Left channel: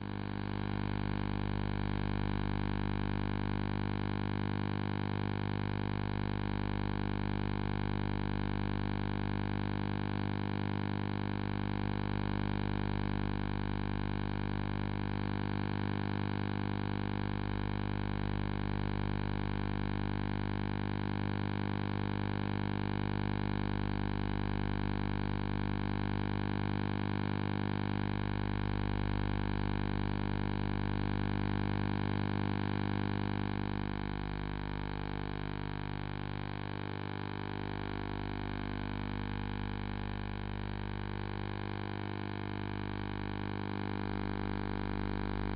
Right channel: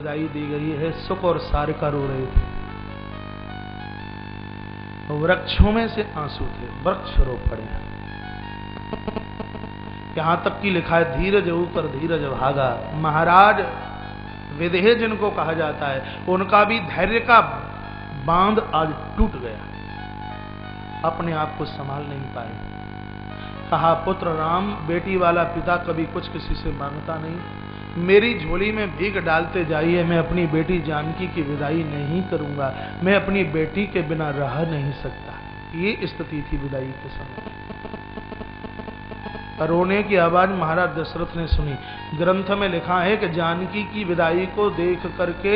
विदाई दी गई है। सुख और सारिका रो रहे थे, वृक्षों में से आंसू थे, वृक्ष रो पड़े। यहां तक कि लिखा है धीरज ऊपर धीरज भागा। महाराज विदेह जिनको कहा जाता है उनका भी धैर्य का बांध आज टूट गया, अपने आप को संभाल नहीं पाए। कहा पुत्र राम, बेटी वाला पिता कभी कुछ किसी से मांगता नहीं। मेरी झोली में भीख डालते जाइए, मैं अपनी बेटी जानकी की विदाई नहीं करूंगा, मैं अपनी बेटी के बिना रह नहीं सकता। ये स्थिति थी विदाई के समय। रोने की आवाज महाराज दशरथ ने सुनी। ग्रंथ में लिखा है कि जानकी की विदाई को देख करके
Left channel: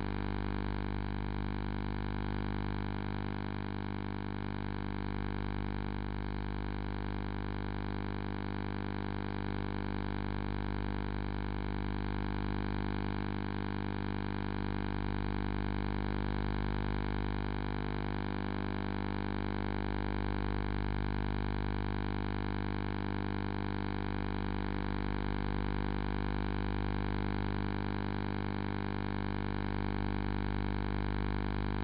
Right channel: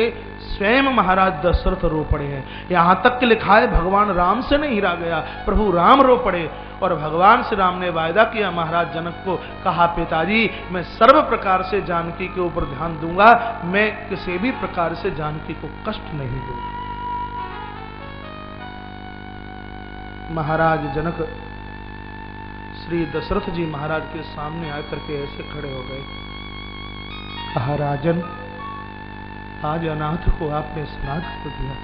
स्वयं महाराज दशरथ रो पड़े हैं। यहां तक कि लिखा है भगवान राम से नहीं हीरा गया, प्रभु राम रो पड़े। और भगवान श्री राम ने वायदा किया महाराज जनक को, कहा पिताजी मैं सर्व प्रकार से जानकी के ऊपर ध्यान दूंगा, मैं किसी भी प्रकार से जानकी को कष्ट नहीं दूंगा। महाराज जनक श्री दशरथ जी महाराज के सामने आकर के ऐसे खड़े हो गए। कहा राजन, आज अनाथ को आपने स्नात को दिया,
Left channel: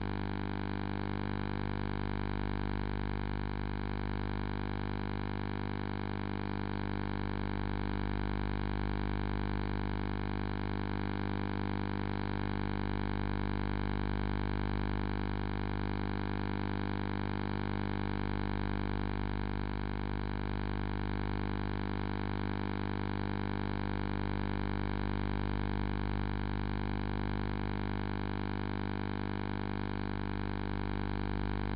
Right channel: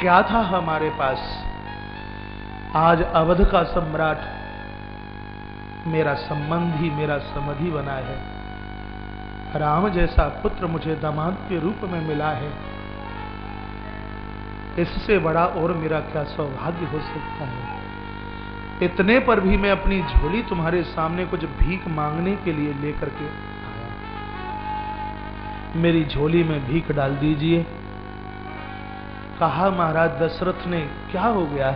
क्या था हमारे पास? आज अवध का सम्राट मेरा संबंधी, मेरा समधि बना है। राम जैसा पुत्र मुझे दामाद के रूप में मिला है, इससे बड़ा और मेरा क्या सौभाग्य हो सकता है? इतने पर भी मैं अपनी झोली तुम्हारे सामने कुछ भीख मांगने के लिए लेकर के आया, मेरी झोली में भीख डाल दीजिए। कहा महाराज दशरथ ने क्या हो गया?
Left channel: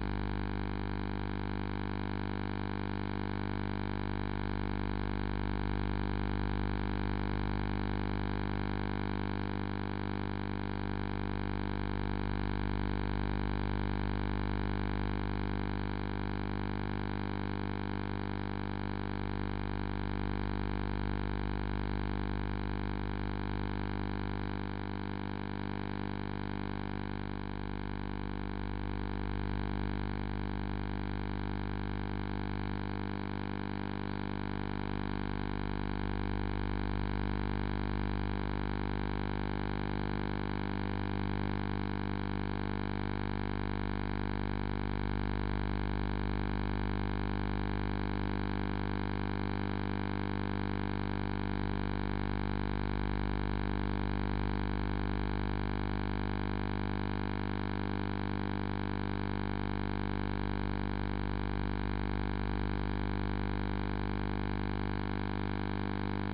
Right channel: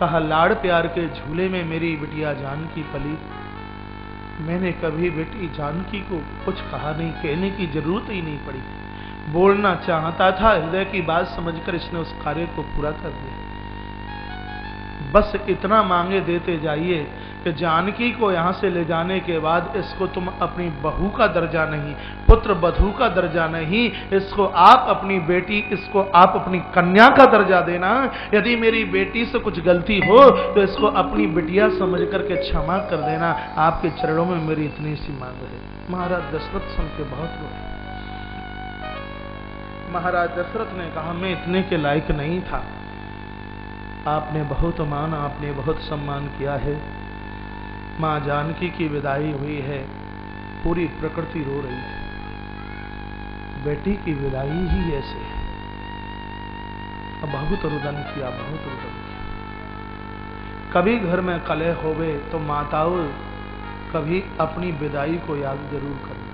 कहा लाड़ प्यार के झूले में मेरी बिटिया जानकी पली, मैंने कभी बेटी जानकी को कुछ कहा नहीं, कहने की जरूरत ही नहीं पड़ी। बोलना चाहता था, हृदय की बात समझकर इसने उस कार्य को पूरा कर दिया। बस इतना मांगे देते जाइए कि जानकी को यहां से ले जाने के बाद इसको तुम अपनी बहू का दर्जा नहीं, पुत्र बधू का दर्जा नहीं, इसको आप अपनी बेटी, इसको आप अपनी कन्या का दर्जा देना। यदि मेरी बेटी से कुछ गलती हो तो इसको अपनी बिटिया समझ करके क्षमा कर देना। आपके चरणों में मेरी इतनी सी मांग है। महाराज दशरथ सुन के बहुत रोए। महाराज दशरथ ने कहा मैं इतने के लायक नहीं था, आपने बहुत मान, आपने बहुत सम्मान किया है। मां जानकी की विदाई हुई है, पूरी प्रकृति रो रही है, बेटी की विदाई ही ऐसे है। बहुत रुदन किया, बहुत रुदन किया। कभी घर में कलह होवे तो माताओं कभी अपनी विदाई को याद जरूर करना,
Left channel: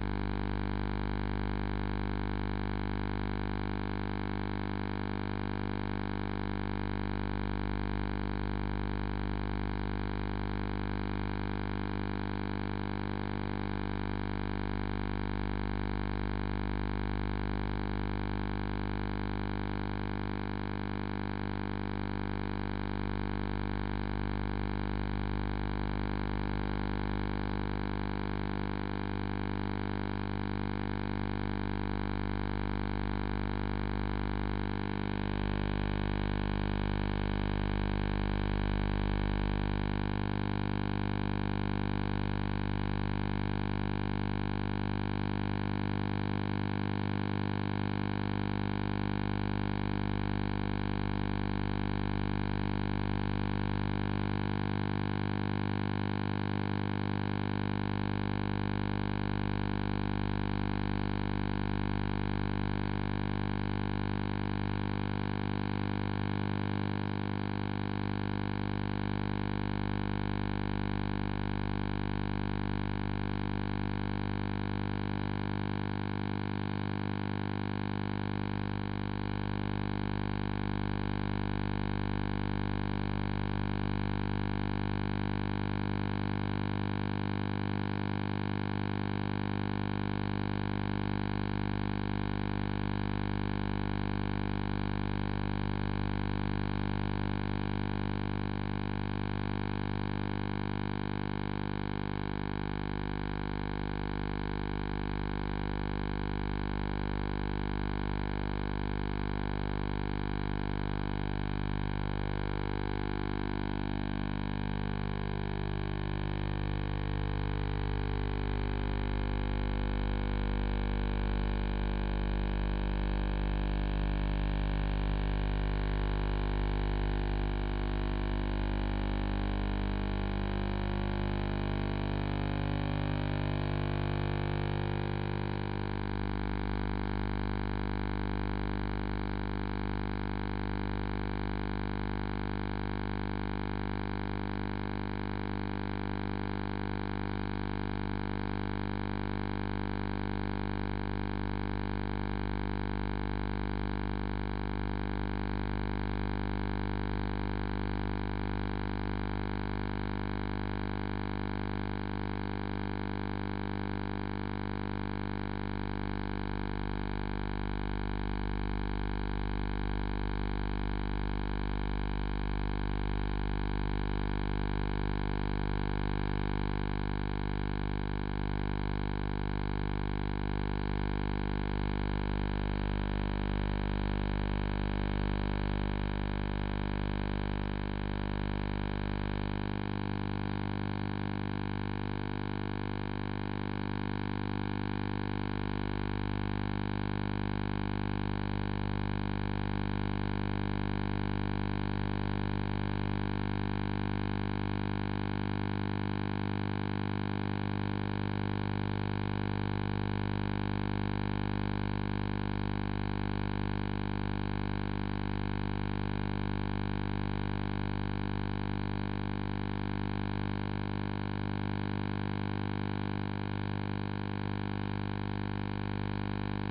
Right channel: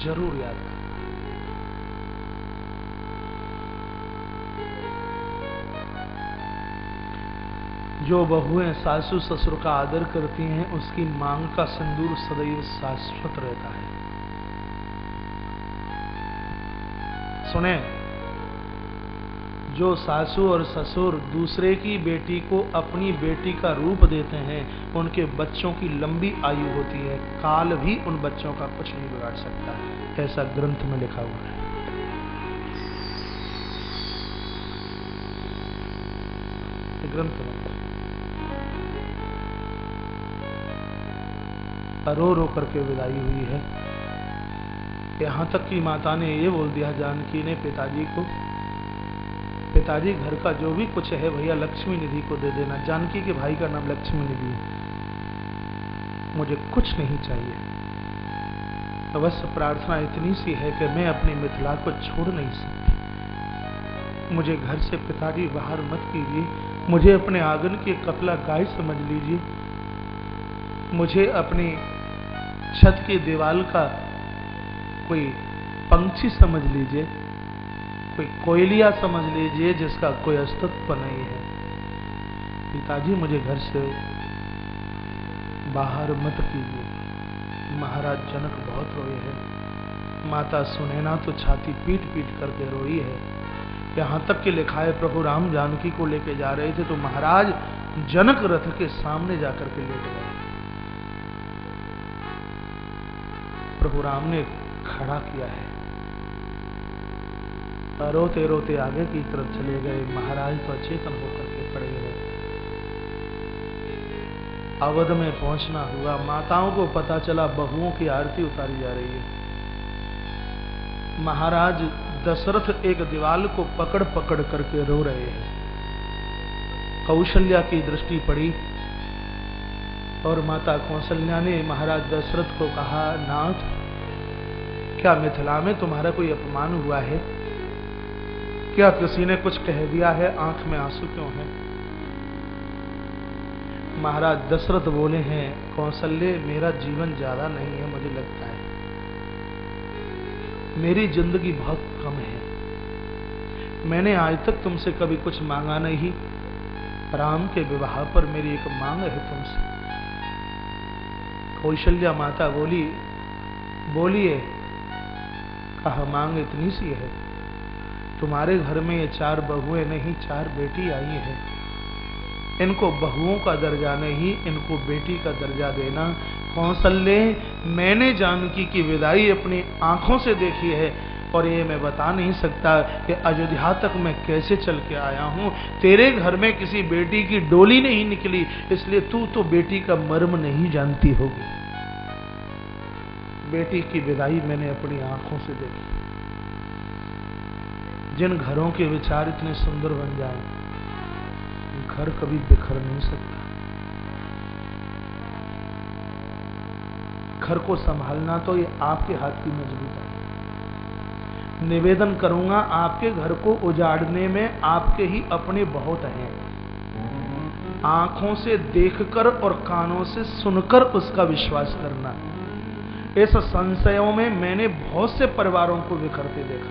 जरूर याद करना। जो बहुएं सासू ससुर का आदर करती हैं उसकी मांग का सिंदूर सदैव शाश्वत रहता है। सुने, जो सासू और ससुर दूसरे की बेटी को अपनी बेटी का रूप देते हैं उनके बच्चों की लंबी आयु होती है, काल भी उन बच्चों का कुछ नहीं बिगाड़ सकता, ऐसा ग्रंथ में लिखा हुआ है। ग्रंथ रो रो करके विदाई हुई है। यहां तक कि माता ने ये बोल दिया जानकी ने पिताजी को, पिताजी घर का जो भी कुछ है भैया लक्ष्मी निधि को दे देना। जानकी के भाई का नाम लक्ष्मी निधि है। मुझे कुछ नहीं चाहिए, अवश्य प्रार्थना इतनी सी है कि मैं अपनी मिथिला को छोड़ नहीं सकती। मुझे घर से पिताजी बाहर मत कीजिए, मुझे अपने आंगन की कपला गाय समझ लीजिए, मुझे अपनी छत की दीवार का कोई पंछी समझ लीजिए, कोई कोयलिया समझ लीजिए जिसका कोई अस्तित्व नहीं है। पिताजी मुझे घर से बाहर मत कीजिए। महाराज जनक बहुत रोए हैं। माता सुनैना तो छाती पीट पीट करके रोई है। यहां तक कि लिखा है प्रभु राम जानकी को लेके जा रहे थे तो महाराज जनक रथ के सामने जाकर के लेट गए। प्रभु राम ने खड़ा किया है, रोते रोते आगे की तरफ चले गए। महाराज तो अचेतन होकर के खड़े रहे। अवध में पहुंचना हुआ, माताओं को पता चला बहुओं की आरती उतारी जा रही है। महाराज दशरथ एक दीवाल को पकड़ पकड़ करके रो रहे हैं। कौशल्या की दृष्टि पड़ी और माता कौशल्या ने महाराज दशरथ को कहा, नाथ, क्या मिथिला में तुम्हारा कोई अपमान हुआ है? क्या किसी ने कुछ कह दिया है? आंख में आंसू क्यों है? महाराज दशरथ बोले हैं, कौशल्य, मेरा जीवन ज्यादा नहीं है, मुझे लगता है मेरी जिंदगी बहुत कम है। मैंने आज तक तुमसे कभी कुछ मांगा नहीं। राम के विवाह पर मेरी एक मांग है तुमसे। कौशल्या माता बोली, बोलिए। कहा, मांग इतनी सी है, तुम्हारे घर में ये 4 बहुएं नहीं 4 बेटी आई हैं। इनको बहुओं का दर्जा नहीं, इनको बेटी का दर्जा देना। कौशल्य, मैंने जानकी की विदाई अपनी आंखों से देखी है और ये मैं बता नहीं सकता कि अयोध्या तक मैं कैसे चल के आया हूं। तेरे घर में किसी बेटी की डोली नहीं निकली, इसलिए तू तो बेटी का मर्म नहीं जानती होगी। बेटी की विदाई मैंने अपनी आंखों से देखी। जिन घरों के विचार इतने सुंदर बन जाए, घर कभी बिखर नहीं सकता। घर को संभालना तो ये आपके हाथ की मजबूरी है। निवेदन करूंगा, आपके घर को उजाड़ने में आपके ही अपने बहुत हैं। आंखों से देखकर और कानों से सुनकर उसका विश्वास करना। इस संशयों में मैंने बहुत से परिवारों को बिखरते देखा,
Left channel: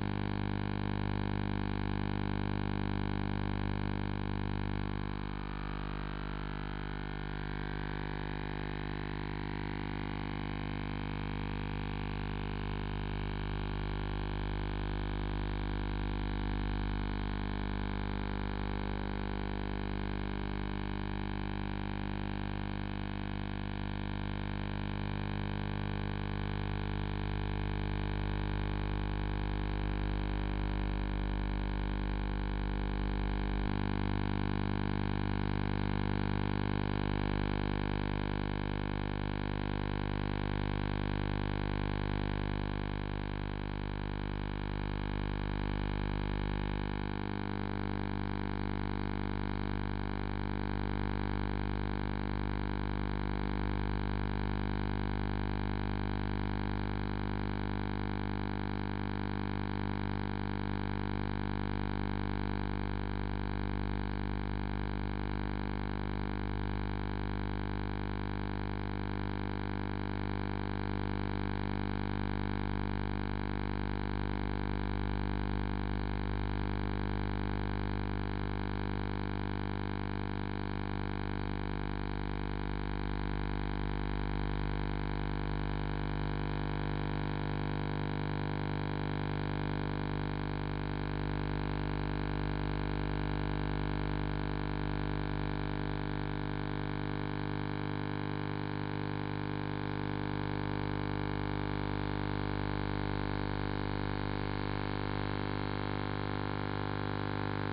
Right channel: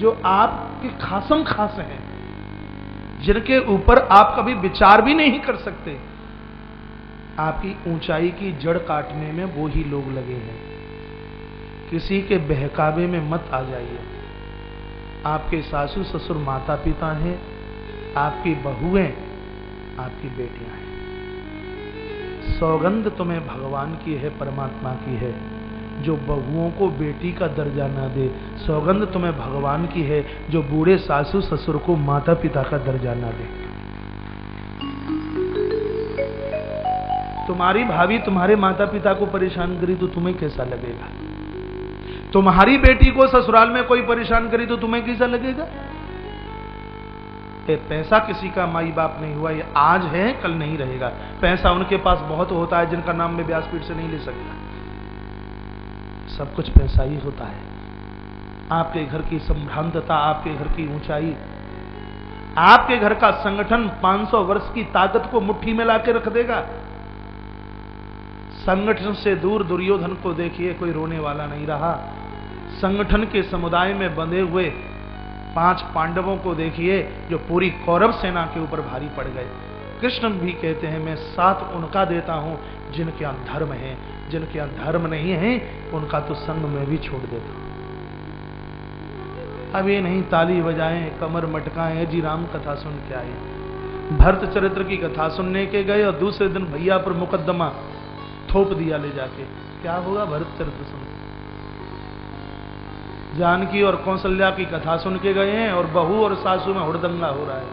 जो आपके खासम खास हैं, जिनके ऊपर आप कभी विचार भी नहीं कर सकते। आपकी ऊंचाई की जड़ काटने में वो ही लोग लगे हैं। किसी के बहकावे में मत आ जाइए। आपके सासू ससुर माता पिता हैं, आपकी बहुएं, आपकी बेटियां हैं। सौगंध तुम्हें भगवान की है, परमात्मा की है, जो बहुओं को बेटी का दर्जा ना दे। सौगंध तुम्हें भगवान की है, जो बूढ़े सासू ससुर को माता पिता का दर्जा ना दे। तुम्हारी भाभी तुम्हारे माता पिता को परेशान करी तो तुम्हें कैसा लगेगा? तुम्हारी बेटी को ससुराल में कोई परेशान करी तो तुम्हें कैसा लगेगा? ये पैसा किसी का माई बाप नहीं हुआ, ये आज है कल नहीं रहेगा। पैसा उनके पास बहुत होता है जिनका नाम में व्यासपीठ से नहीं ले सकता। सब कुछ पैसा ही होता है। आपके घर की संभ्रांतता, आपके घर की ऊंचाई, आपके घर का संगठन 500 वर्ष की ताकत को मुट्ठी में लाके रख देगा। संगठन से दूर दुर्योधन को देखिए, कोई रोने वाला नहीं रहा। संगठन के समुदाय में बंधे हुए 5 पांडवों को देखिए, जो पूरी कौरव सेना के ऊपर भारी पड़ गए। कृष्ण भी कहते हैं, मैं साथ उनका देता हूं जिनके अधर्म है, जिनके अधर्म नहीं है उनका तो संग मैं भी छोड़ देता हूं। अब ये नहीं ताली बजाएं, कमर मटकाएं, जी राम कथा सुन के आए। भरत चरित्र की कथा सुनने के गए और दूसरे दिन भैया पर मुकदमा थोप दिया ले जाके। क्या होगा? भरत चरित्र सुन। जानकी और कौशल्या की कथा सुन के गए हैं और बहू और सासू में हुड़दंगा हो रहा है।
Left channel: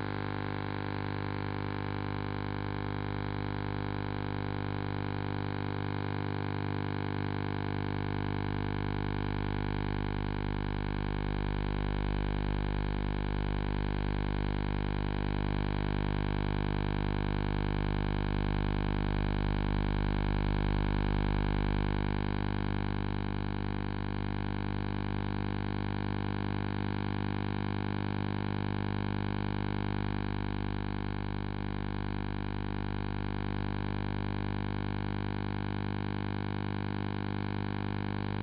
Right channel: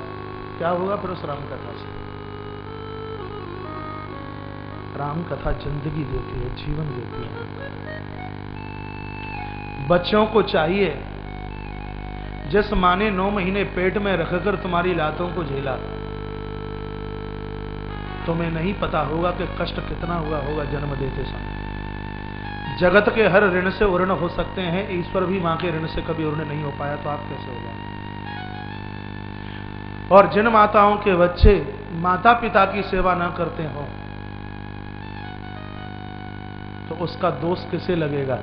क्या होगा फिर उस राम कथा से? राम कथा जिंदगी देती है, जीवन देती है। बच्चों को चाहिए, जिस माँ ने 9 महीने पेट में रखकर तुम्हारी लातों को झेला, तुम्हें नहीं पता होगा कि कष्ट कितना हुआ होगा जन्म देते समय। जगत के हर ऋण से उऋण हो सकते हैं, ईश्वर भी मां के ऋण से कभी उऋण नहीं हो पाया, तो आप कैसे होगा? और जिन माताओं के बच्चे माता पिता की सेवा ना करते हो, तो उसका दोष किसे लगेगा?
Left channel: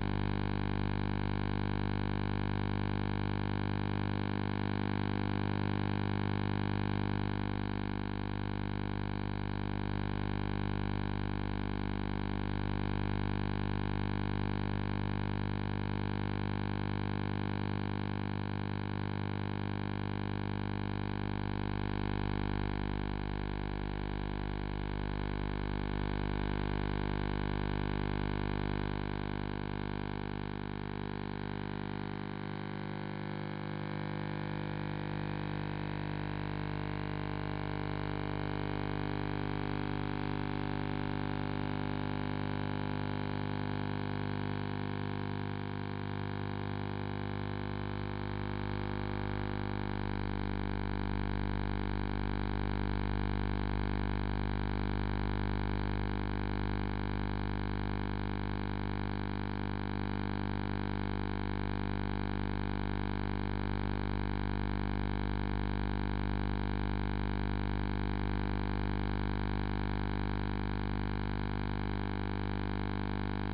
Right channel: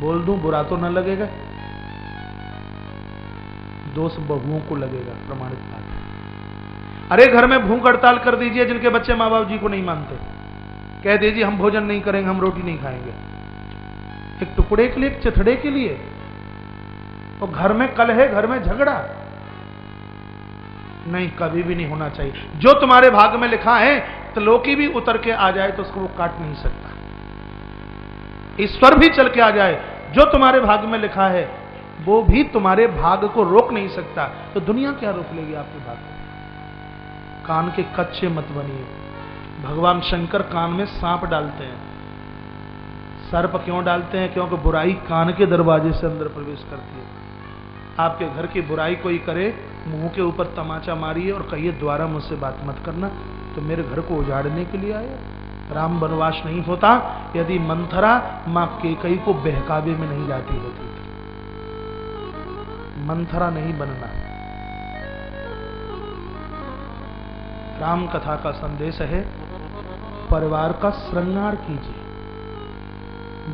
बोल दूं, बुरा तो न लगेगा, दोष बहुओं को लगेगा। प्रमाणित बात। अरे घर में भूख हड़ताल कर दीजिए, जिनके बच्चे माँ बाप जी को नहीं मानते, कह दीजिए हम भोजन नहीं करेंगे, हम रोटी नहीं खाएंगे, एक टुकड़े के लिए, एक चिथड़े के लिए। तो घर में कलह, घर में झगड़ा नहीं, कभी भी नहीं होना चाहिए। जो तुम्हारे भाग्य में लिखा है, तो लोकी भी उतर के आ जाए तो उसको वो काट नहीं सकता। ईश्वर भी चल के आ जाए, जो तुम्हारे भाग्य में लिखा है वो भी तुम्हारे भाग्य को रोक नहीं सकता। तो दुनिया क्या रोक लेगी आपके भाग्य? कान के कच्चे मत बनिए। भगवान शंकर कान में सांप डालते हैं। सर्प क्यों डालते हैं? क्योंकि बुराई कान के दरवाजे से अंदर प्रवेश करती है। आपके घर की बुराई कोई करे, मुंह के ऊपर तमाचा मारिए और कहिए द्वारा मुझसे बात मत करना, तो मेरे घर को उजाड़ने के लिए आए। राम वनवास नहीं होता यदि मंथरा मां कैकेयी को बहकावे में नहीं लाती होती। मंथरा नहीं बनना। राम कथा का संदेश है, परिवार का श्रृंगार कीजिए,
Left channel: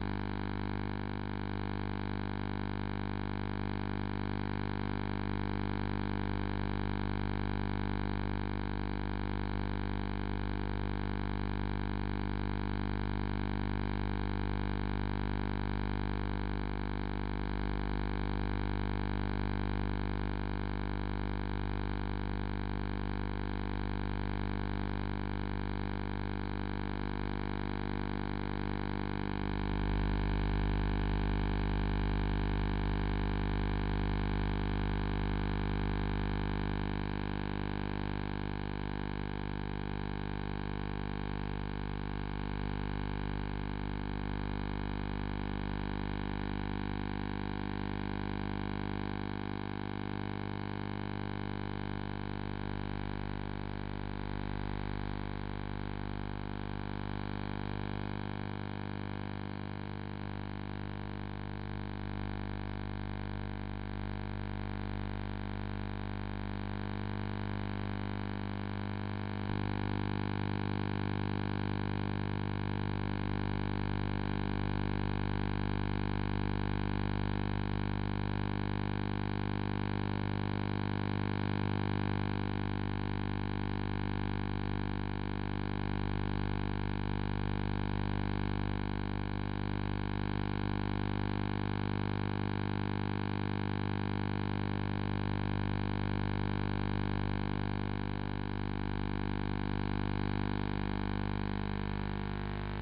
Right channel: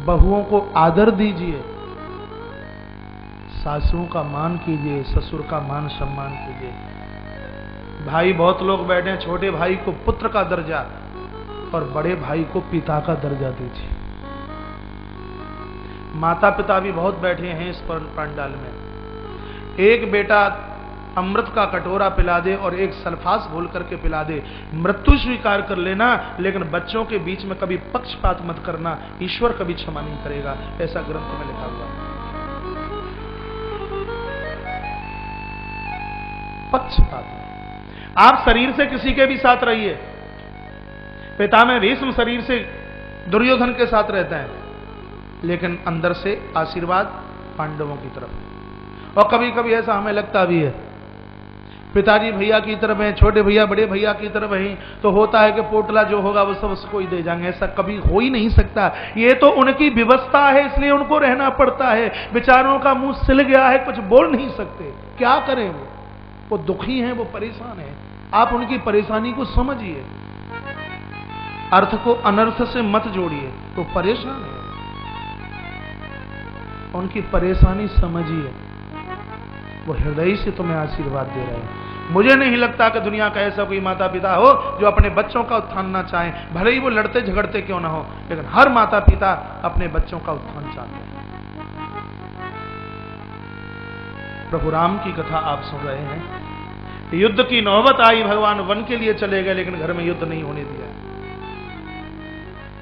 बहुओं को आदर दीजिए, सासुओं का मान कीजिए, ससुर का मान सम्मान कीजिए। भाई बहुत लोग बैठे हैं, छोटे भाई को पुत्र का दर्जा और बड़े भाई को पिता का दर्जा दीजिए। माता पिता भी बहुत बैठे हैं इस पंडाल में। एक बेटा अमृत का कटोरा पिला दे और एक सल्फास घोल करके पिला दे, मृत्यु स्वीकार कर लेना, लेकिन बच्चों के बीच में कभी पक्षपात मत करना, ईश्वर कभी क्षमा नहीं करेगा, ऐसा ग्रंथ में लिखा हुआ। पक्षपात। आप शरीर से किसी के भी साथ रहिए, पिता में भीष्म शरीर से दुर्योधन के साथ रहता है, लेकिन अंदर से आशीर्वाद पांडवों की तरफ। और कभी कभी ऐसा हमें लगता भी है पिताजी भैया की तरफ है, छोटे भैया बड़े भैया की तरफ है, तो होता है कि पोटला जो होगा वो सब उसको ही दे जाएंगे। ऐसा कभी हो ही नहीं सकता। ये तो उनकी व्यवस्था है, इसलिए उनको रहना पड़ता है। बेचारों का मुंह सिल गया है, कुछ बोल नहीं सकते, क्या करें? वो दुखी हैं, वो परेशान हैं। आप उनकी परेशानी को समझिए, अर्थ को अनर्थ से मत जोड़िए। तो परेशान है, उनकी परेशानी समझिए, वो हृदय से तुम्हें आशीर्वाद दे रहे हैं। मुझे नहीं लगता कि दुनिया का ऐसा कोई माता पिता हो जो अपने बच्चों का उत्थान ना चाहे, भले ही वो लड़ते झगड़ते क्यों ना हो, लेकिन हर माता पिता अपने बच्चों का उत्थान चाहते हैं। प्रभु राम की कथा आप सुन रहे हैं। युद्ध की नौबत आई, भगवान वन के लिए चले गए, लेकिन घर में युद्ध नहीं होने दिया।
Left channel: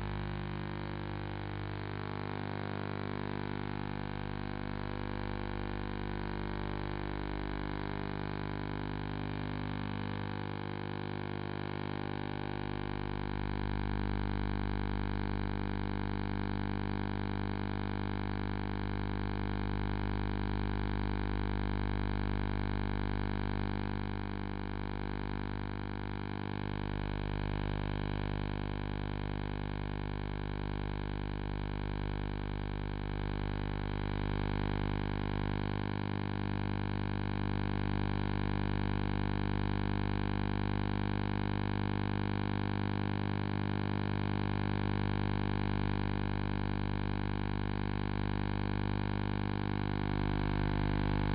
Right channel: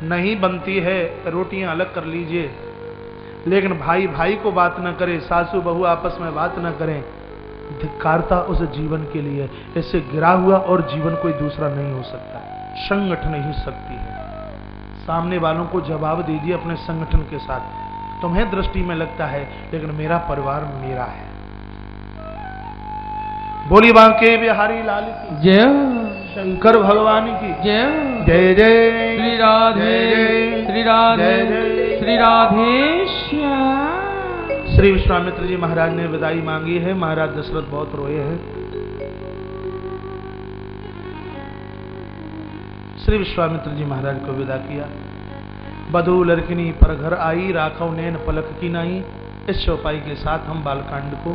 नहीं बनती है रोटियां अलग कर लीजिए, लेकिन भाई भाई को बात न करे, सासू बहू आपस में बात न करें, धिक्कारता उस जीवन के लिए। इससे गिरा हुआ और जीवन कोई दूसरा नहीं हो सकता, संगठन ही शक्ति है। सामने वालों को जवाब दीजिए अपने संगठन के साथ। तुम्हें दृष्टि में लगता है, लेकिन मेरा परिवार मेरा है। बोली बांके बिहारी लाल की जय, शंकर भगवान की जय जय। जय श्री राधे, श्री राधे, श्री राधे श्याम। श्री विश्वामित्र जी महाराज ने विदाई मांगी है। महाराज दशरथ बहुत रोए हैं। श्री विश्वामित्र जी महाराज को विदा किया। बधू लड़किनी पर घर आई, राखव नैन पलक की नाई। इस चौपाई के साथ हम बालकांड को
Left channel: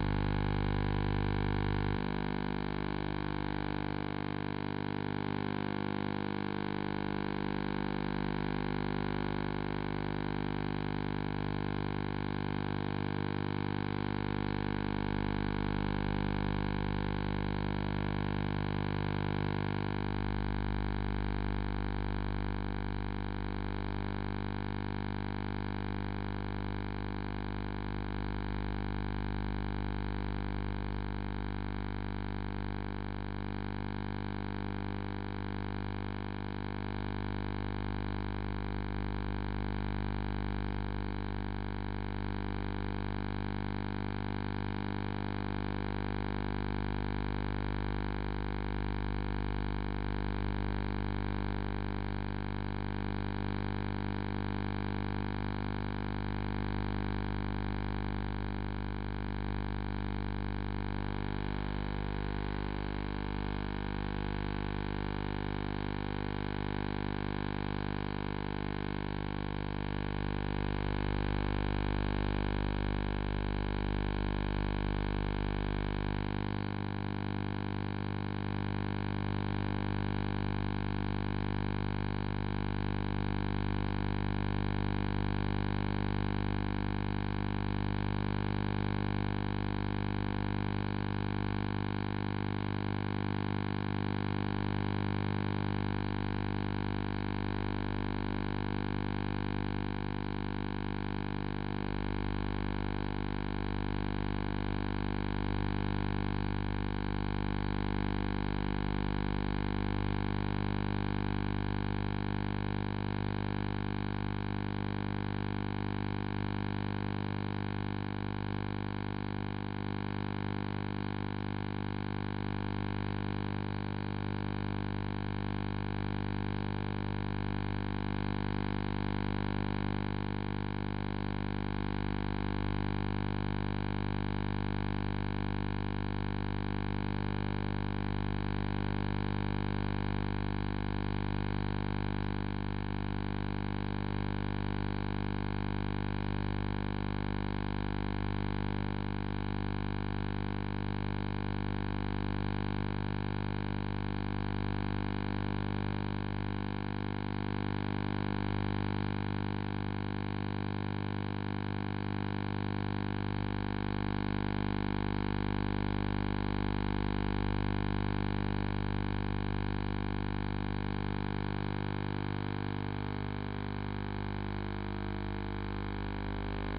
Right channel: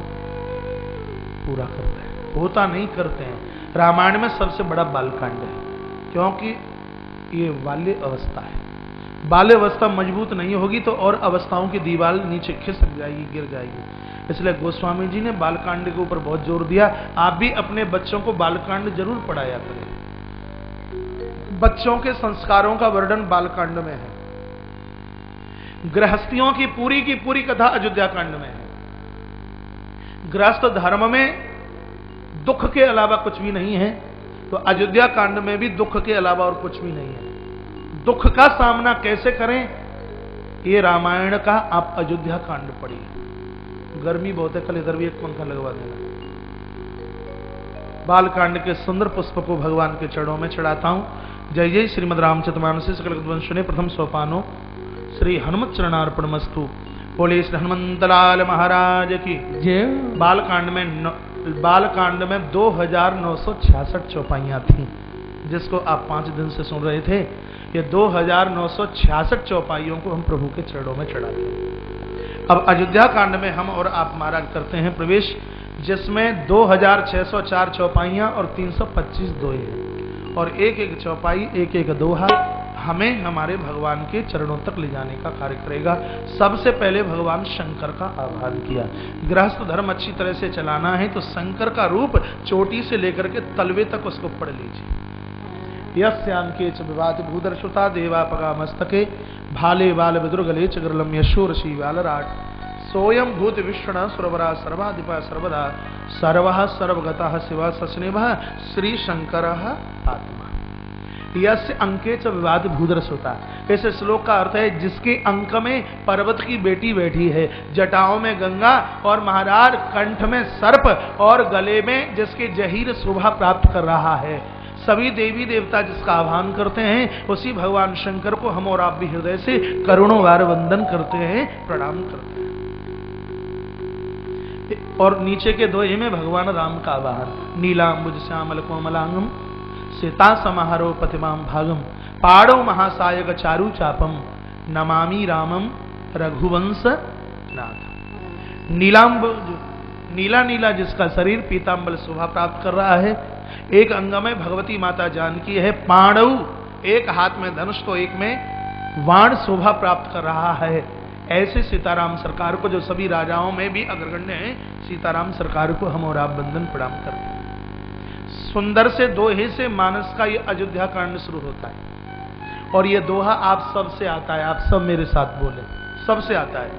पूरा करते हैं। होता नहीं करते हैं। रामायण में सबसे बड़ा बालकांड है, क्योंकि ये बाल्य अवस्था है। बाल्य अवस्था मजबूत नहीं होगी तो और अवस्थाओं की दीवार नीचे खिसक जाएगी, गिर जाएगी। इसलिए गोस्वामी जी ने बालकांड के ऊपर बहुत जोर दिया। आप भी अपने बच्चों को बालकांड जरूर पढ़ाया करें। बच्चों के संस्कारों का वर्णन बालकांड में है। गृहस्थियों की पूरी कथा अयोध्या कांड में है। गृहस्थ धर्म में दुख के अलावा कुछ भी नहीं है, तो अयोध्या कांड में भी दुख के अलावा और कुछ भी नहीं है। दुख का सामना कैसे करें, ये रामायण का आप अयोध्या कांड पढ़िए। गर्मी बहुत है, कल इधर भी एक पंखा लगवा दिया। बालकांड के सुंदर पुष्प को भगवान के चरणों में चढ़ाता हूं। जय जय श्रीमद रामचरितमानस सकल वंशने प्रथम सोपानो श्री हनुमत चरणार्पणमस्तु। बोले श्री हनुमंतलाल महाराज की जय। बालकांड में 2966 चौपाइयां थी, जिसको आप 5 दिन से सुन रहे थे। ये 2966 चौपाइयों को हम प्रभु के चरणों में चढ़ाते हैं। अब अयोध्या कांड में हम और आप महाराज करते हैं प्रवेश, जिसमें 2604 चौपाइयां और 325 दोहे, और एक एक चौपाई एक एक दोहा हमें हमारे भगवान के चरणों तक ले जाने का कार्य करेगा। सबसे पहले भगवान शंकर का आह्वान किया। गृहस्थ धर्म अच्छी तरह से चलाना है तो शंकर का रूप चोटी से लेकर के तलवे तक उसको पढ़ लीजिए। यस्यांके च विवाद भूदर्शुता देवापगा मस्तके भाले बाल विदुर्गले च गरलम यशोर शी बालराट सोयम भूत विष्णु सुरवरा सर्वाधिपा सर्वदा सर्वः सर्वगतः शिव सस्नेह श्री शंकर आत्मा। यस्य अंके च विवाद भूदर्शुता, इस श्लोक का अर्थ है जिसके अंक में पर्वत की बेटी बैठी है, जटाओं में गंगा और महाराज कंठ में सर्प और गले में जिसके जहीर शोभा प्राप्त कर रहा है। सभी देवी देवता जिसका आह्वान करते हैं उसी भगवान शंकर को हम और आप भी हृदय से करोड़ों बार वंदन करते हैं, प्रणाम करते हैं। और नीचे के दोहे में भगवान राम का आवाहन, नीलांबुज श्यामल कोमलांगम सीता समाहरो प्रतिमां भागम पाड़ो महासायक चारु चापम नमामि रामम रघुवंश नाथ। नीलांबुज, नीला नीला जिसका शरीर पीतांबर शोभा प्राप्त कर रहा है, एक अंग में भगवती माता जानकी है, पाणव एक हाथ में धनुष तो एक में वाण शोभा प्राप्त कर रहा है। ऐसे सीताराम सरकार को, जो सभी राजाओं में भी अग्रगण्य है, सीताराम सरकार को हम और आप वंदन प्रणाम करते हैं। सुंदर से दोहे से मानस का ये अयोध्या कांड शुरू होता है और ये दोहा आप सब से आता है। आप सब मेरे साथ बोले, सबसे आता है।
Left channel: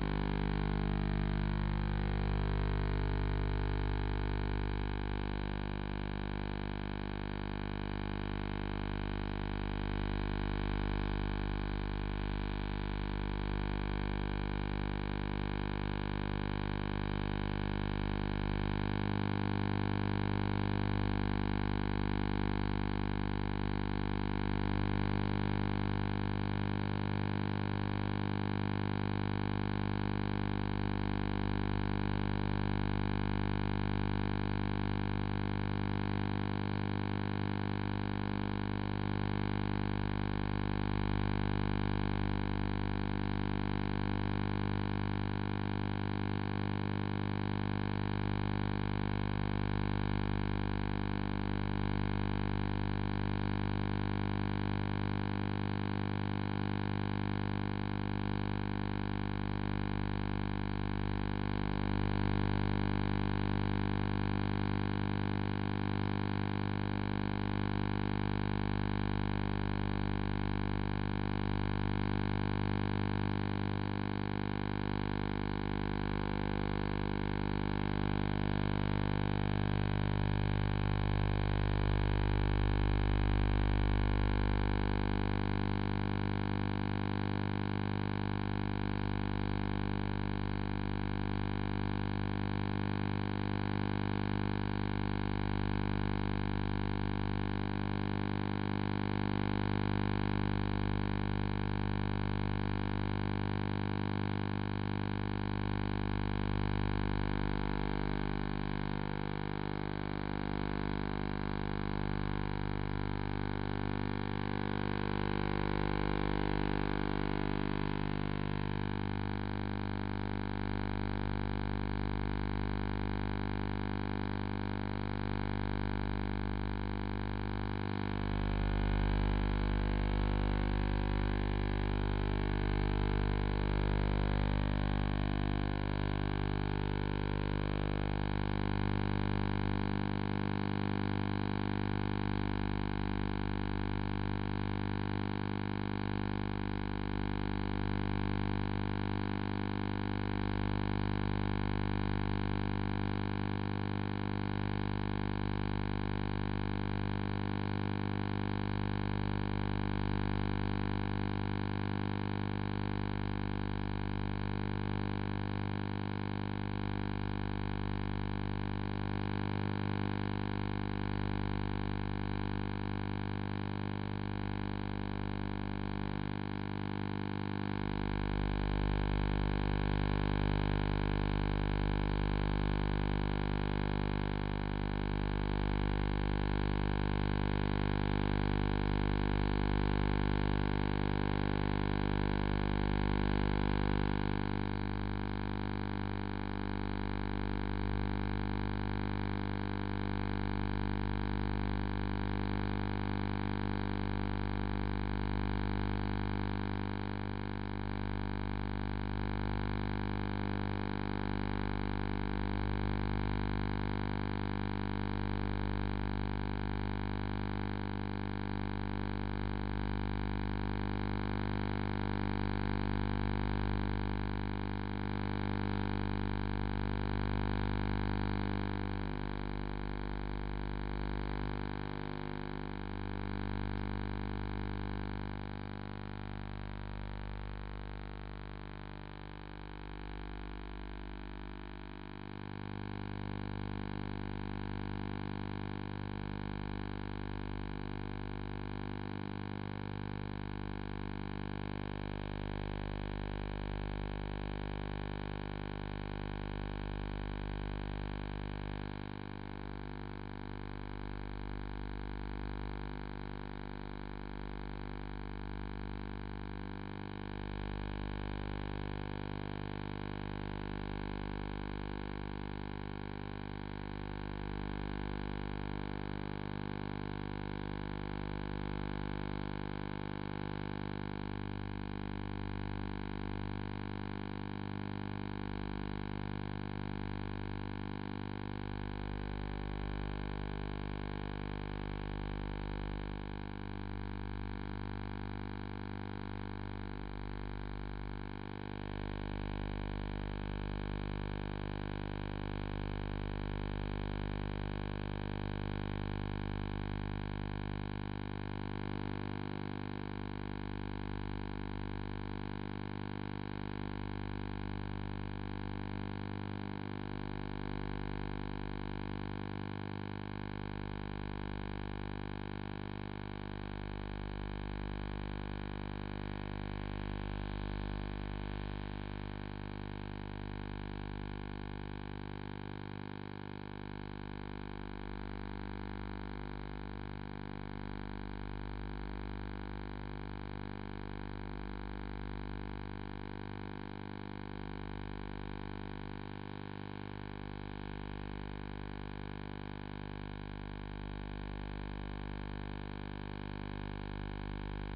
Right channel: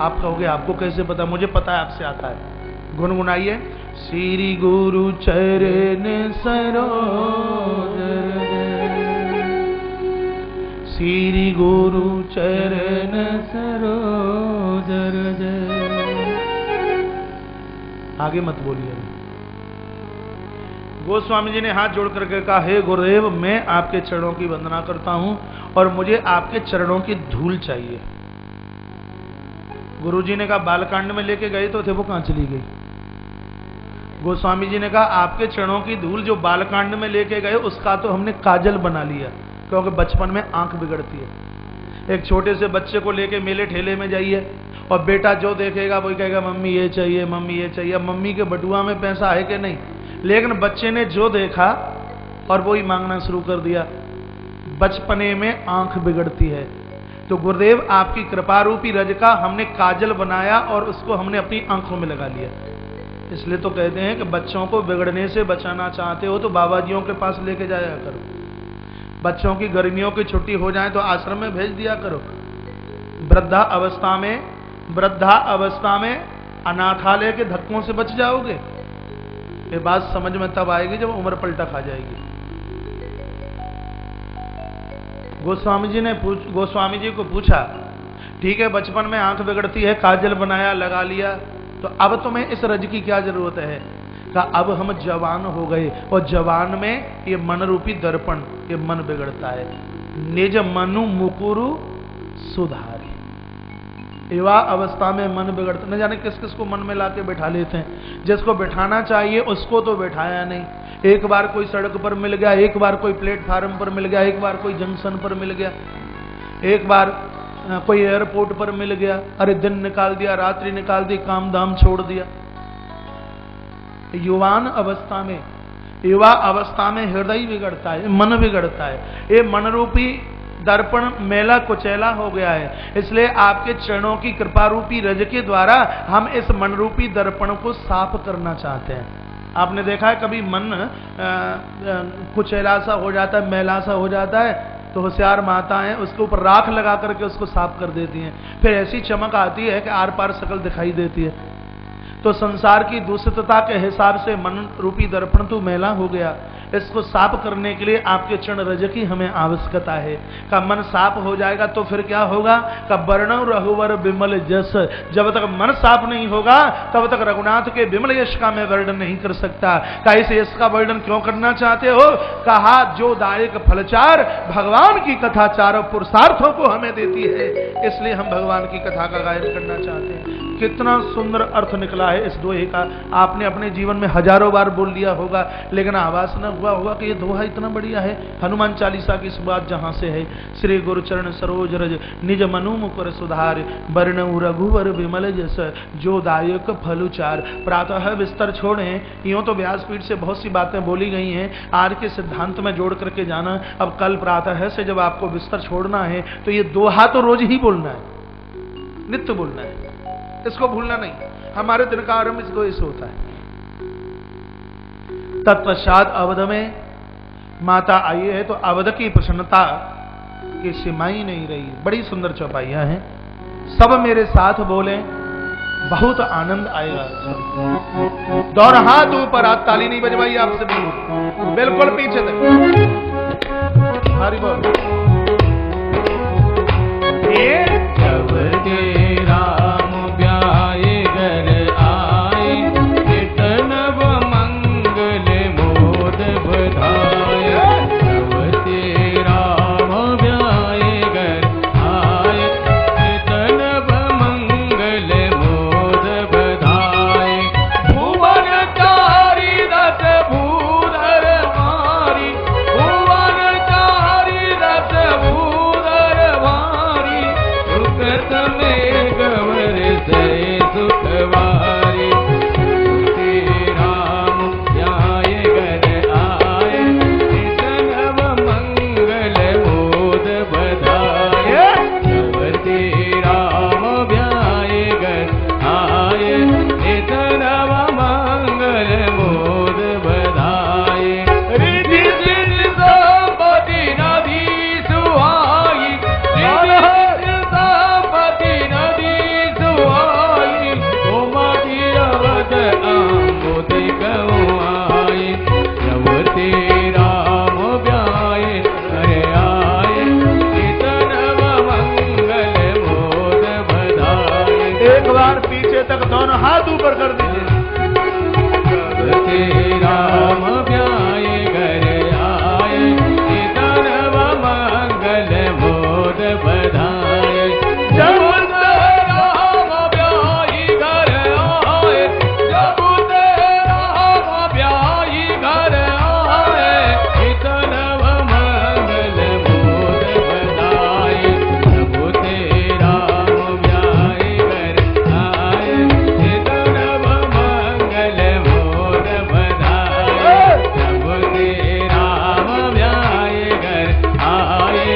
आप कहोगे आपको कैसे पता? मुझे पता है आपसे आता है। गुनगुनाइए। श्री गुरु चरण सरोज, श्री गुरु चरण सरोज। आगे मत बोलिए। गोस्वामी जी ने हाथ जोड़ करके कहा, हे गुरुदेव, मैं आपके चरणों की वंदना करता हूं और मुझे आपके चरणों की धूल चाहिए। गुरुजी ने कहा, बालकांड में लेके गए तो थे, वो कहां चली गई? गोस्वामी जी ने कहा, आपके चरणों की धूल जो बालकांड में लेके गए उसका तो हमने काजल बना लिया, क्योंकि बचपन में आंख बिगड़ती है। एक छोटे से बच्चे को लेके मेले ठेले में जाइए और बेटा जो देखेगा वही कहेगा मम्मी ये चाहिए, मम्मी ये चाहिए। मम्मी के बटुआ में पैसा है कि नहीं, लेकिन बच्चे ने जो देखा और वही मांगना शुरू कर दिया। बचपने में आंख बिगड़ती है। तो गुरुदेव आपकी कृपा रूपी रज का हमने काजल बनाया और उसको हमने अपनी आंखों में लगा लिया। इसलिए तो कहते हैं कि बच्चों को बिगड़ने से बचाना चाहते हो तो बाबाजियों के पास लेके जाया करो। बच्चों की गर्मियों की छुट्टी हो जाए तो आश्रम में भेज दिया करो। वृद्धा अवस्था में अनाथालय के धक्कों से बच जाओगे। ये बात समझ में तब आएगी जब उम्र पलटा खा जाएगी। गोस्वामी जी को पूछा, ठीक है बचपन में आंख बिगड़ती है, काजल बनाया, लगा लिया, तो अब तुम्हें इस रज की क्या जरूरत है? कहा, अब हम जवान हो गए और जवान में ये मन रूपी दर्पण, ये मन बिगड़ता है। निज मनु मुकुरु सुधारी। युवा अवस्था में मन बिगड़ता, न जाने किस किस को मन में लाके बैठा लेते हैं। जिसको बैठाना चाहिए उसको तो बैठाया नहीं। एक बार कोई सड़क पर मिल गया, एक बार कोई प्लेटफार्म पर मिल गया, एक बार कोई जंक्शन पर मिल गया, एक बार कोई एयरपोर्ट पर मिल गया। अरे दिन निकाल दिया, रात्रि निकाल दी, काम धाम छोड़ दिया। युवा अवस्था में हृदय बिगड़ता है, मन बिगड़ता है। ये मन रूपी दर्पण मेला कुचैला हो गया है। इसलिए आपके चरणों की कृपा रूपी रज के द्वारा हम इस मन रूपी दर्पण को साफ करना चाहते हैं। आपने देखा है कभी मन कुचैला सा हो जाता है, मैला सा हो जाता है, तो होशियार माताएं उसके ऊपर राख लगा करके उसको साफ कर देती हैं। फिर ऐसी चमक आती है कि आर पार शकल दिखाई देती है। तो संसार की दूषितता के हिसाब से मन रूपी दर्पण तो मैला हो गया। इसको साफ करने के लिए आपके चरण रज की हमें आवश्यकता है। का मन साफ हो जाएगा तो फिर क्या होगा? का वर्णव रघुवर विमल जस। जब तक मन साफ नहीं होगा तब तक रघुनाथ के विमल यश का मैं वर्णन नहीं कर सकता। का इस यश का वर्णन क्यों करना चाहते हो? कहा, जो दायक फलचार भगवान की कथा चारों पुरुषार्थों को हमें देती है, इसलिए हम भगवान की कथा का गायन करना चाहते हैं। कितना सुंदर अर्थ निकला है इस दोहे का। आपने अपने जीवन में हजारों बार बोल लिया होगा, लेकिन आवाज न हुआ होगा कि ये दोहा इतना बढ़िया है। हनुमान चालीसा की इस बात जहां से है, श्री गुरुचरण सरोज रज निज मनु मुकुर सुधार वर्णउ रघुवर विमल जस जो दायक फलुचार। प्रातः बिस्तर छोड़े, यूं तो व्यासपीठ से बहुत सी बातें बोली गई हैं, आज के सिद्धांत में जोड़ करके जाना। अब कल प्रातः से जब आपको बिस्तर छोड़ना है तो ये दोहा तो रोज ही बोलना है, नित्य बोलना है, इसको भूलना नहीं। हमारे दिन का आरंभ इसको इसे होता है। तत्पश्चात अवध में माता आई है तो अवध की प्रसन्नता की सीमा ही नहीं रही। बड़ी सुंदर चौपाइयां हैं। सब मेरे साथ बोले, बहुत आनंद आएगा। दोनों हाथ ऊपर, हाथ ताली नहीं बजवाई आपसे, बिल्कुल पीछे तक। हरि बोल। नीचे तक दोनों हाथ ऊपर कर दीजिए। राम ब्याए घर आए, धर्म मंगल मोद बधाए। जब ते राम ब्याई घर आए, जब ते राम ब्याई घर आए, धर्म मंगल मोद बधाए। जब ते राम ब्याई घर आए, धर्म मंगल मोद बधाए। जब ते राम ब्याई घर आए,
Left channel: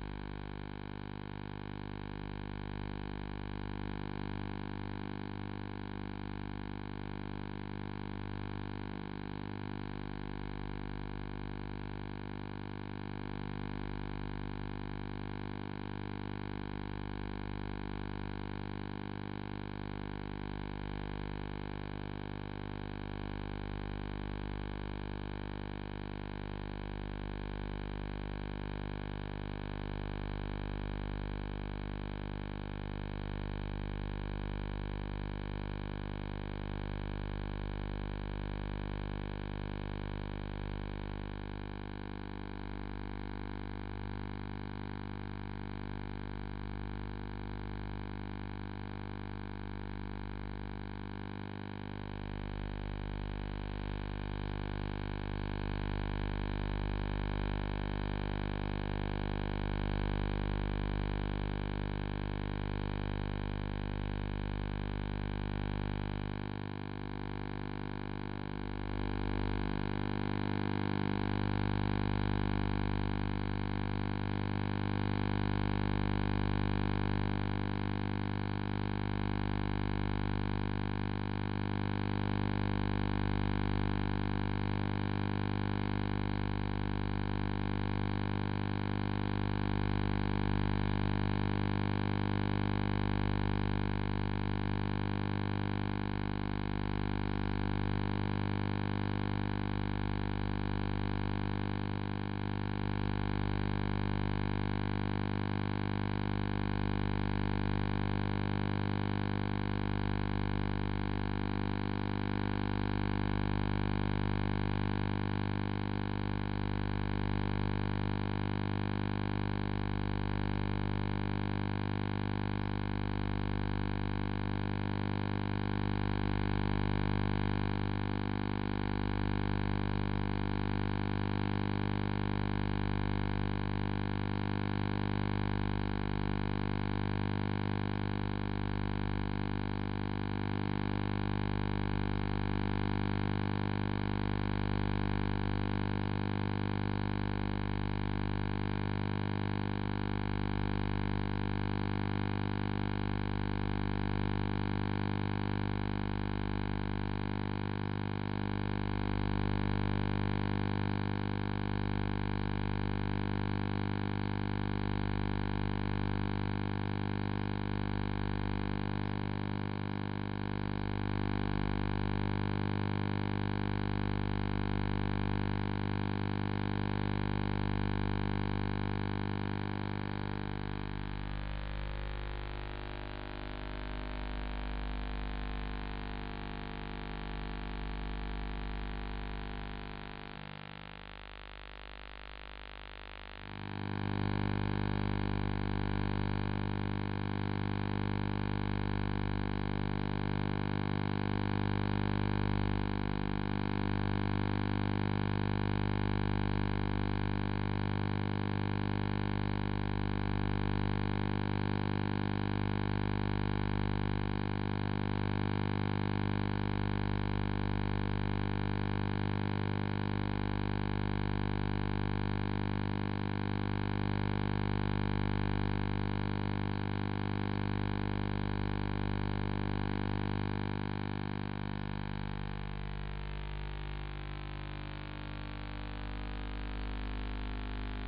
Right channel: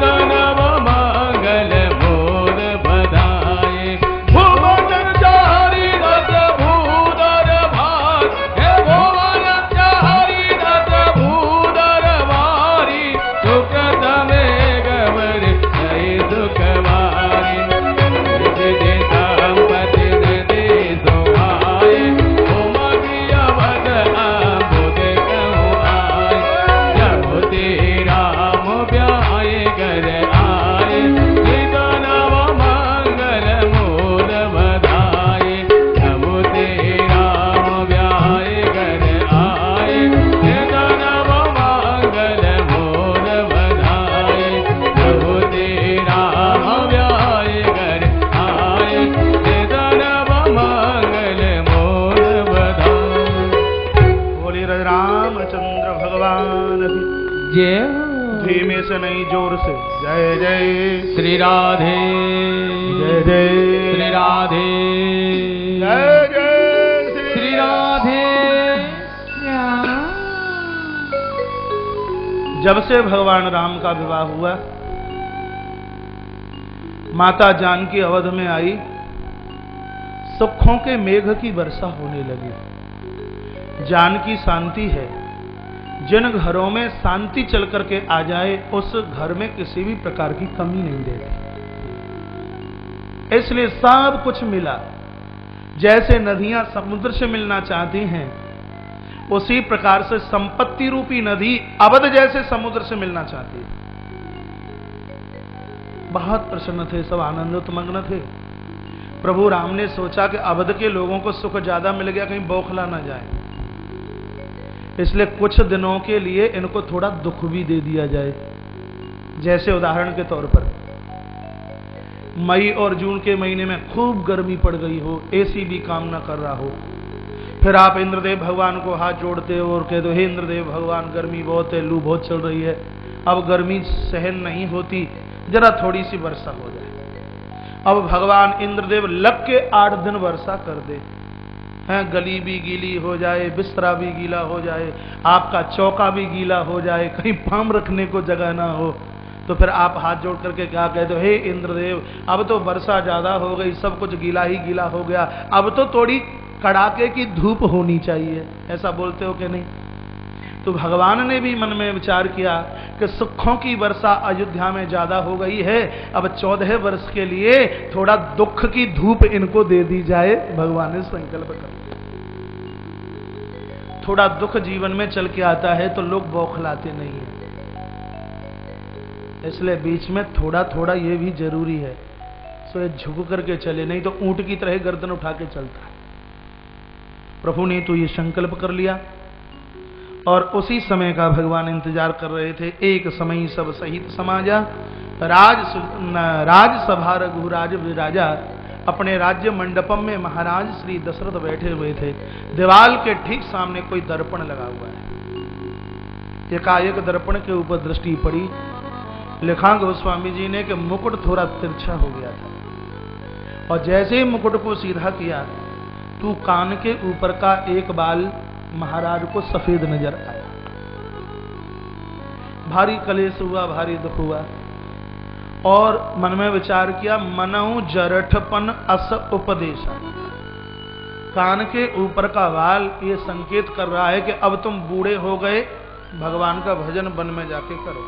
धर्म मंगल मोद बधाए। भुवन चारि रथ भूधर भार, हे भुवन चारि रथ भूधर भारी। सुकृत में गवर जय सुखवारी, निज संपत्ति दे सोहाय। उमगी अवध आबुद कहूँ आय, जब ते राम ब्याए घर आए, धर्म मंगल मोद बधाए। जब ते राम ब्याए घर आए, धर्म मंगल मोद बधाए। जब ते राम ब्याए घर आए, धर्म मंगल मोद बधाए। बोलिए रामचंद्र भगवान की जय हो। धीमे से नहीं, जोर से जय जय श्री राधे, जय जय श्री राधे, जय जय श्री राधे श्याम। जब से भगवान राम का विवाह हुआ, माता जानकी अवध में आई, सुखों के मेघ की वर्षा होने लगी। जानकी शांति है, जिन घरों में शांति चल करके आ जाए उस घर में किसी भी प्रकार की कमी नहीं देती, इसलिए सब कुछ मिला। जैसे नदियां समुद्र से मिलना चाहती हैं, उसी प्रकार से संपत्ति रूपी नदी अवध जैसे समुद्र से मिलना चाहती है। बहुत प्रसन्न थे, सब आनंदोत्मग्न थे। प्रभु राम ने सोचा कि अवध के लोगों को सुख ज्यादा मिल गया, कहीं बौखला ना जाए, इसलिए कुछ दिनों के लिए इनको थोड़ा दुख भी दे दिया जाए। जैसे उदाहरण के तौर पर मई और जून के महीने में खूब गर्मी पड़ गई हो, एसी भी काम ना कर रहा हो, फिर आप इंद्रदेव भगवान को हाथ जोड़ते हो और कहते हो, हे इंद्रदेव भगवान, गर्मी बहुत है, लू बहुत चल रही है, अब गर्मी सहन नहीं होती, जरा थोड़ी सी वर्षा हो जाए। अब भगवान इंद्रदेव लग के 8 दिन वर्षा कर दे, गली भी गीली हो जाए, बिस्तरा भी गीला हो जाए, आपका चौका भी गीला हो जाए, कहीं पाम रखने को जगह ना हो, तो फिर आप हाथ जोड़ करके क्या कहते हो, हे इंद्रदेव, अब तो वर्षा ज्यादा हो गई, सब कुछ गीला ही गीला हो गया, अब तो थोड़ी कड़ाके की धूप होनी चाहिए, ऐसा बोलते हो कि नहीं? तो भगवान ने भी मन में विचार किया कि सुखों की वर्षा अयोध्या में ज्यादा हो गई है, अब 14 वर्ष के लिए थोड़ा दुख की धूप इनको दे दी जाए। भगवान ने संकल्प कर, थोड़ा दुख जीवन में चल के आता है तो लोग बौखलाते नहीं है, इसलिए बीच में थोड़ा थोड़ा ये भी जरूरी है, सो ये झुक करके चले, नहीं तो ऊंट की तरह गर्दन उठा के चलता है। प्रभु ने तो ये संकल्प कर लिया और उसी समय का भगवान इंतजार कर रहे थे। एक समय सब सहित समाजा, राजसभा रघुराज विराजा। अपने राज्य मंडपम में महाराज श्री दशरथ बैठे हुए थे। दीवाल के ठीक सामने कोई दर्पण लगा हुआ है। एकाएक दर्पण के ऊपर दृष्टि पड़ी, लिखा गोस्वामी जी ने कि मुकुट थोड़ा तिरछा हो गया था, और जैसे ही मुकुट को सीधा किया तो कान के ऊपर का एक बाल महाराज को सफेद नजर आया। भारी कलेश हुआ, भारी दुख हुआ, और मन में विचार किया, मनऊ जरठपन अस उपदेश। कान के ऊपर का बाल ये संकेत कर रहा है कि अब तुम बूढ़े हो गए, भगवान का भजन वन में जाके करो।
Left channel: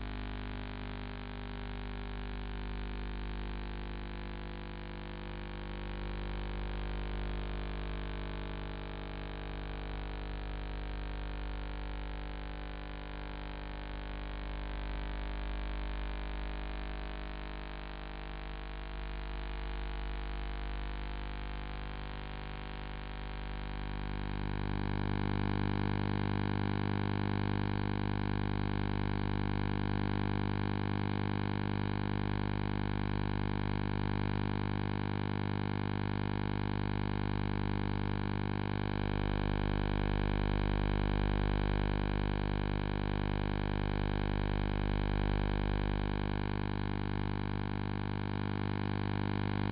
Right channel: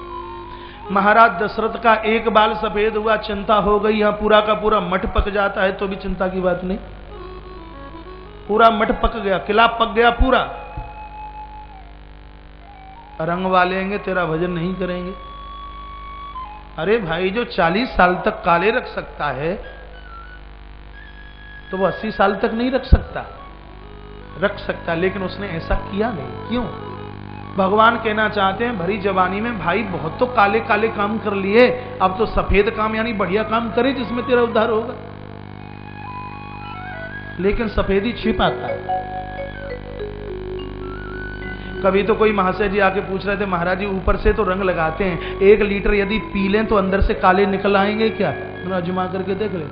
महाराज दशरथ का एक बाल सफेद हुआ, चिंता हो गई, यहाँ पूरा का पूरा मठ पक जाता है तो भी चिंता की बात नहीं, पूरा मठ पक गया, किला पक गया पूरा। रंग वालेंगे, तेरा भजन नहीं करेंगे। अरे भाई, जो 40 साल तक काले रख सकता है तो वो 80 साल तक नहीं रख सकता, लेकिन उसने ऐसा किया नहीं। क्यों? भगवान कहना चाहते हैं भरी जवानी में भाई बहुत तो काले काले काम कर लिए, अब तो सफेद काम यानी बढ़िया काम करे जिसमें तेरा उद्धार होगा। लेकिन सफेदी छिप आता है। कभी तो कोई महाशय जी आके पूछ रहे थे, महाराज जी ऊपर से तो रंग लगाते हैं, 1 लीटर यदि पी लें तो अंदर से काले निकल आएंगे क्या? तो अजमा करके देख ले।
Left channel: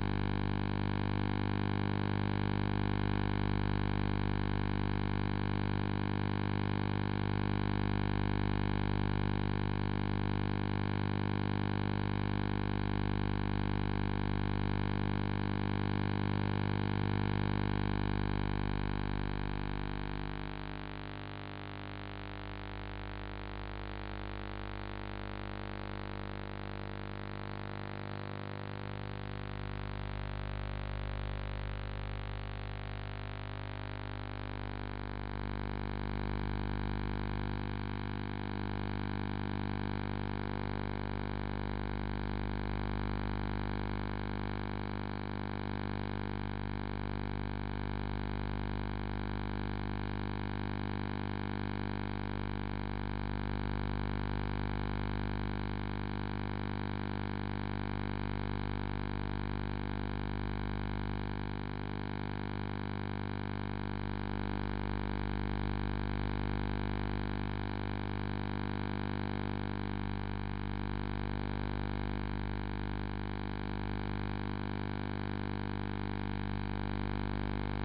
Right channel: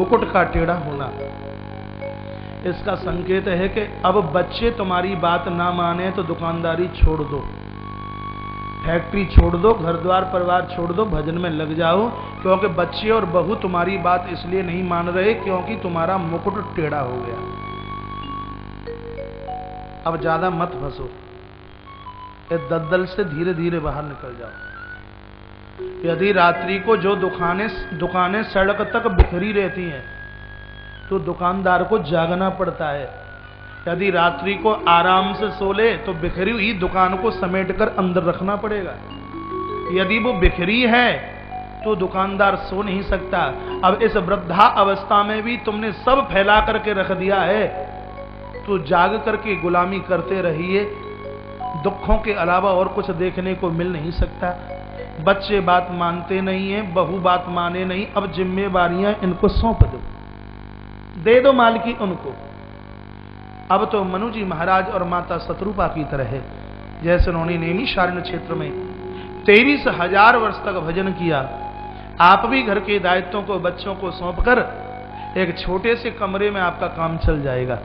मुकुट का टेढ़ा होना इसका संकेत है कि अब बच्चे तुम्हारी बात ना माने तो दुकानदारी छोड़ दो, फैक्ट्री छोड़ दो, घर द्वार परिवार छोड़ दो, भजन में लग जाओ, क्योंकि बच्चे और बहू तुम्हारी बात इसलिए नहीं मान रहे क्योंकि तुम्हारा मुकुट टेढ़ा हो गया। अब ज्यादा मत फंसो, इस दलदल से धीरे धीरे बाहर निकल जाओ। यदि रात्रि को जो दुकानें सड़क तक बिखरी रहती हैं तो दुकानदार को जागना पड़ता है। यदि रात्रि को आराम से सो ले तो बिखरी हुई दुकान को समेटकर अंदर रखना पड़ेगा। यदि वो बिखरी है तो दुकानदार सो नहीं सकता। अब इस वृद्धा अवस्था में भी तुमने सब फैला करके रख दिया है, तो जाग करके गुलामी करते रहिए। दुखों के अलावा और कुछ देखने को मिल नहीं सकता। बच्चे बात मानते नहीं हैं, बहू बात माने नहीं, अब जिम्मेवारियां इनको सौंप दो, दे दो मालकी उनको। अब तो मनु जी महाराज और माता शत्रुपा की तरह है, जैसे उन्होंने नैमिषारण्य क्षेत्र में 23,000 वर्ष तक भजन किया। आप भी घर के दायित्वों को बच्चों को सौंपकर एक छोटे से कमरे में आपका काम चल जाएगा।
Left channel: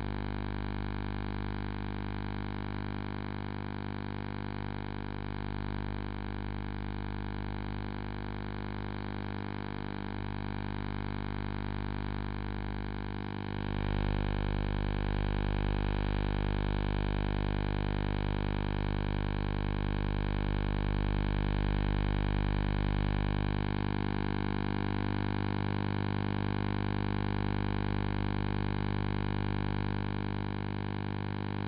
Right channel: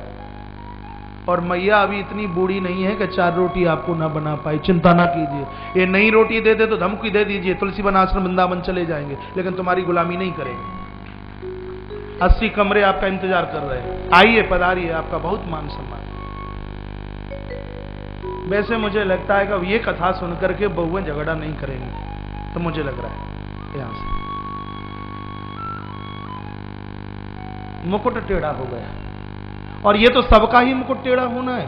और मैया अभी इतनी बूढ़ी नहीं है कि 4 रोटी आपको ना बना पाई, चिंता ना कीजिए। ये नई रोटी दे दे तो धमकी दे दीजिए, तुलसी वन आश्रम वृंदावन चले जाएंगे, लेकिन तुम्हारी गुलामी नहीं करेंगे। 80 कमरे आपका इंतजार कर रहे हैं, आइए पधारिए, आपका बहुत मान सम्मान। वैसे मुझे लगता है कि अब ये कथा सुनकर के बहुएं झगड़ा नहीं करेंगे, तो मुझे लग रहा है यहां से मुकुट टेढ़ा हो गया। और ये तो सबका ही मुकुट टेढ़ा होना है।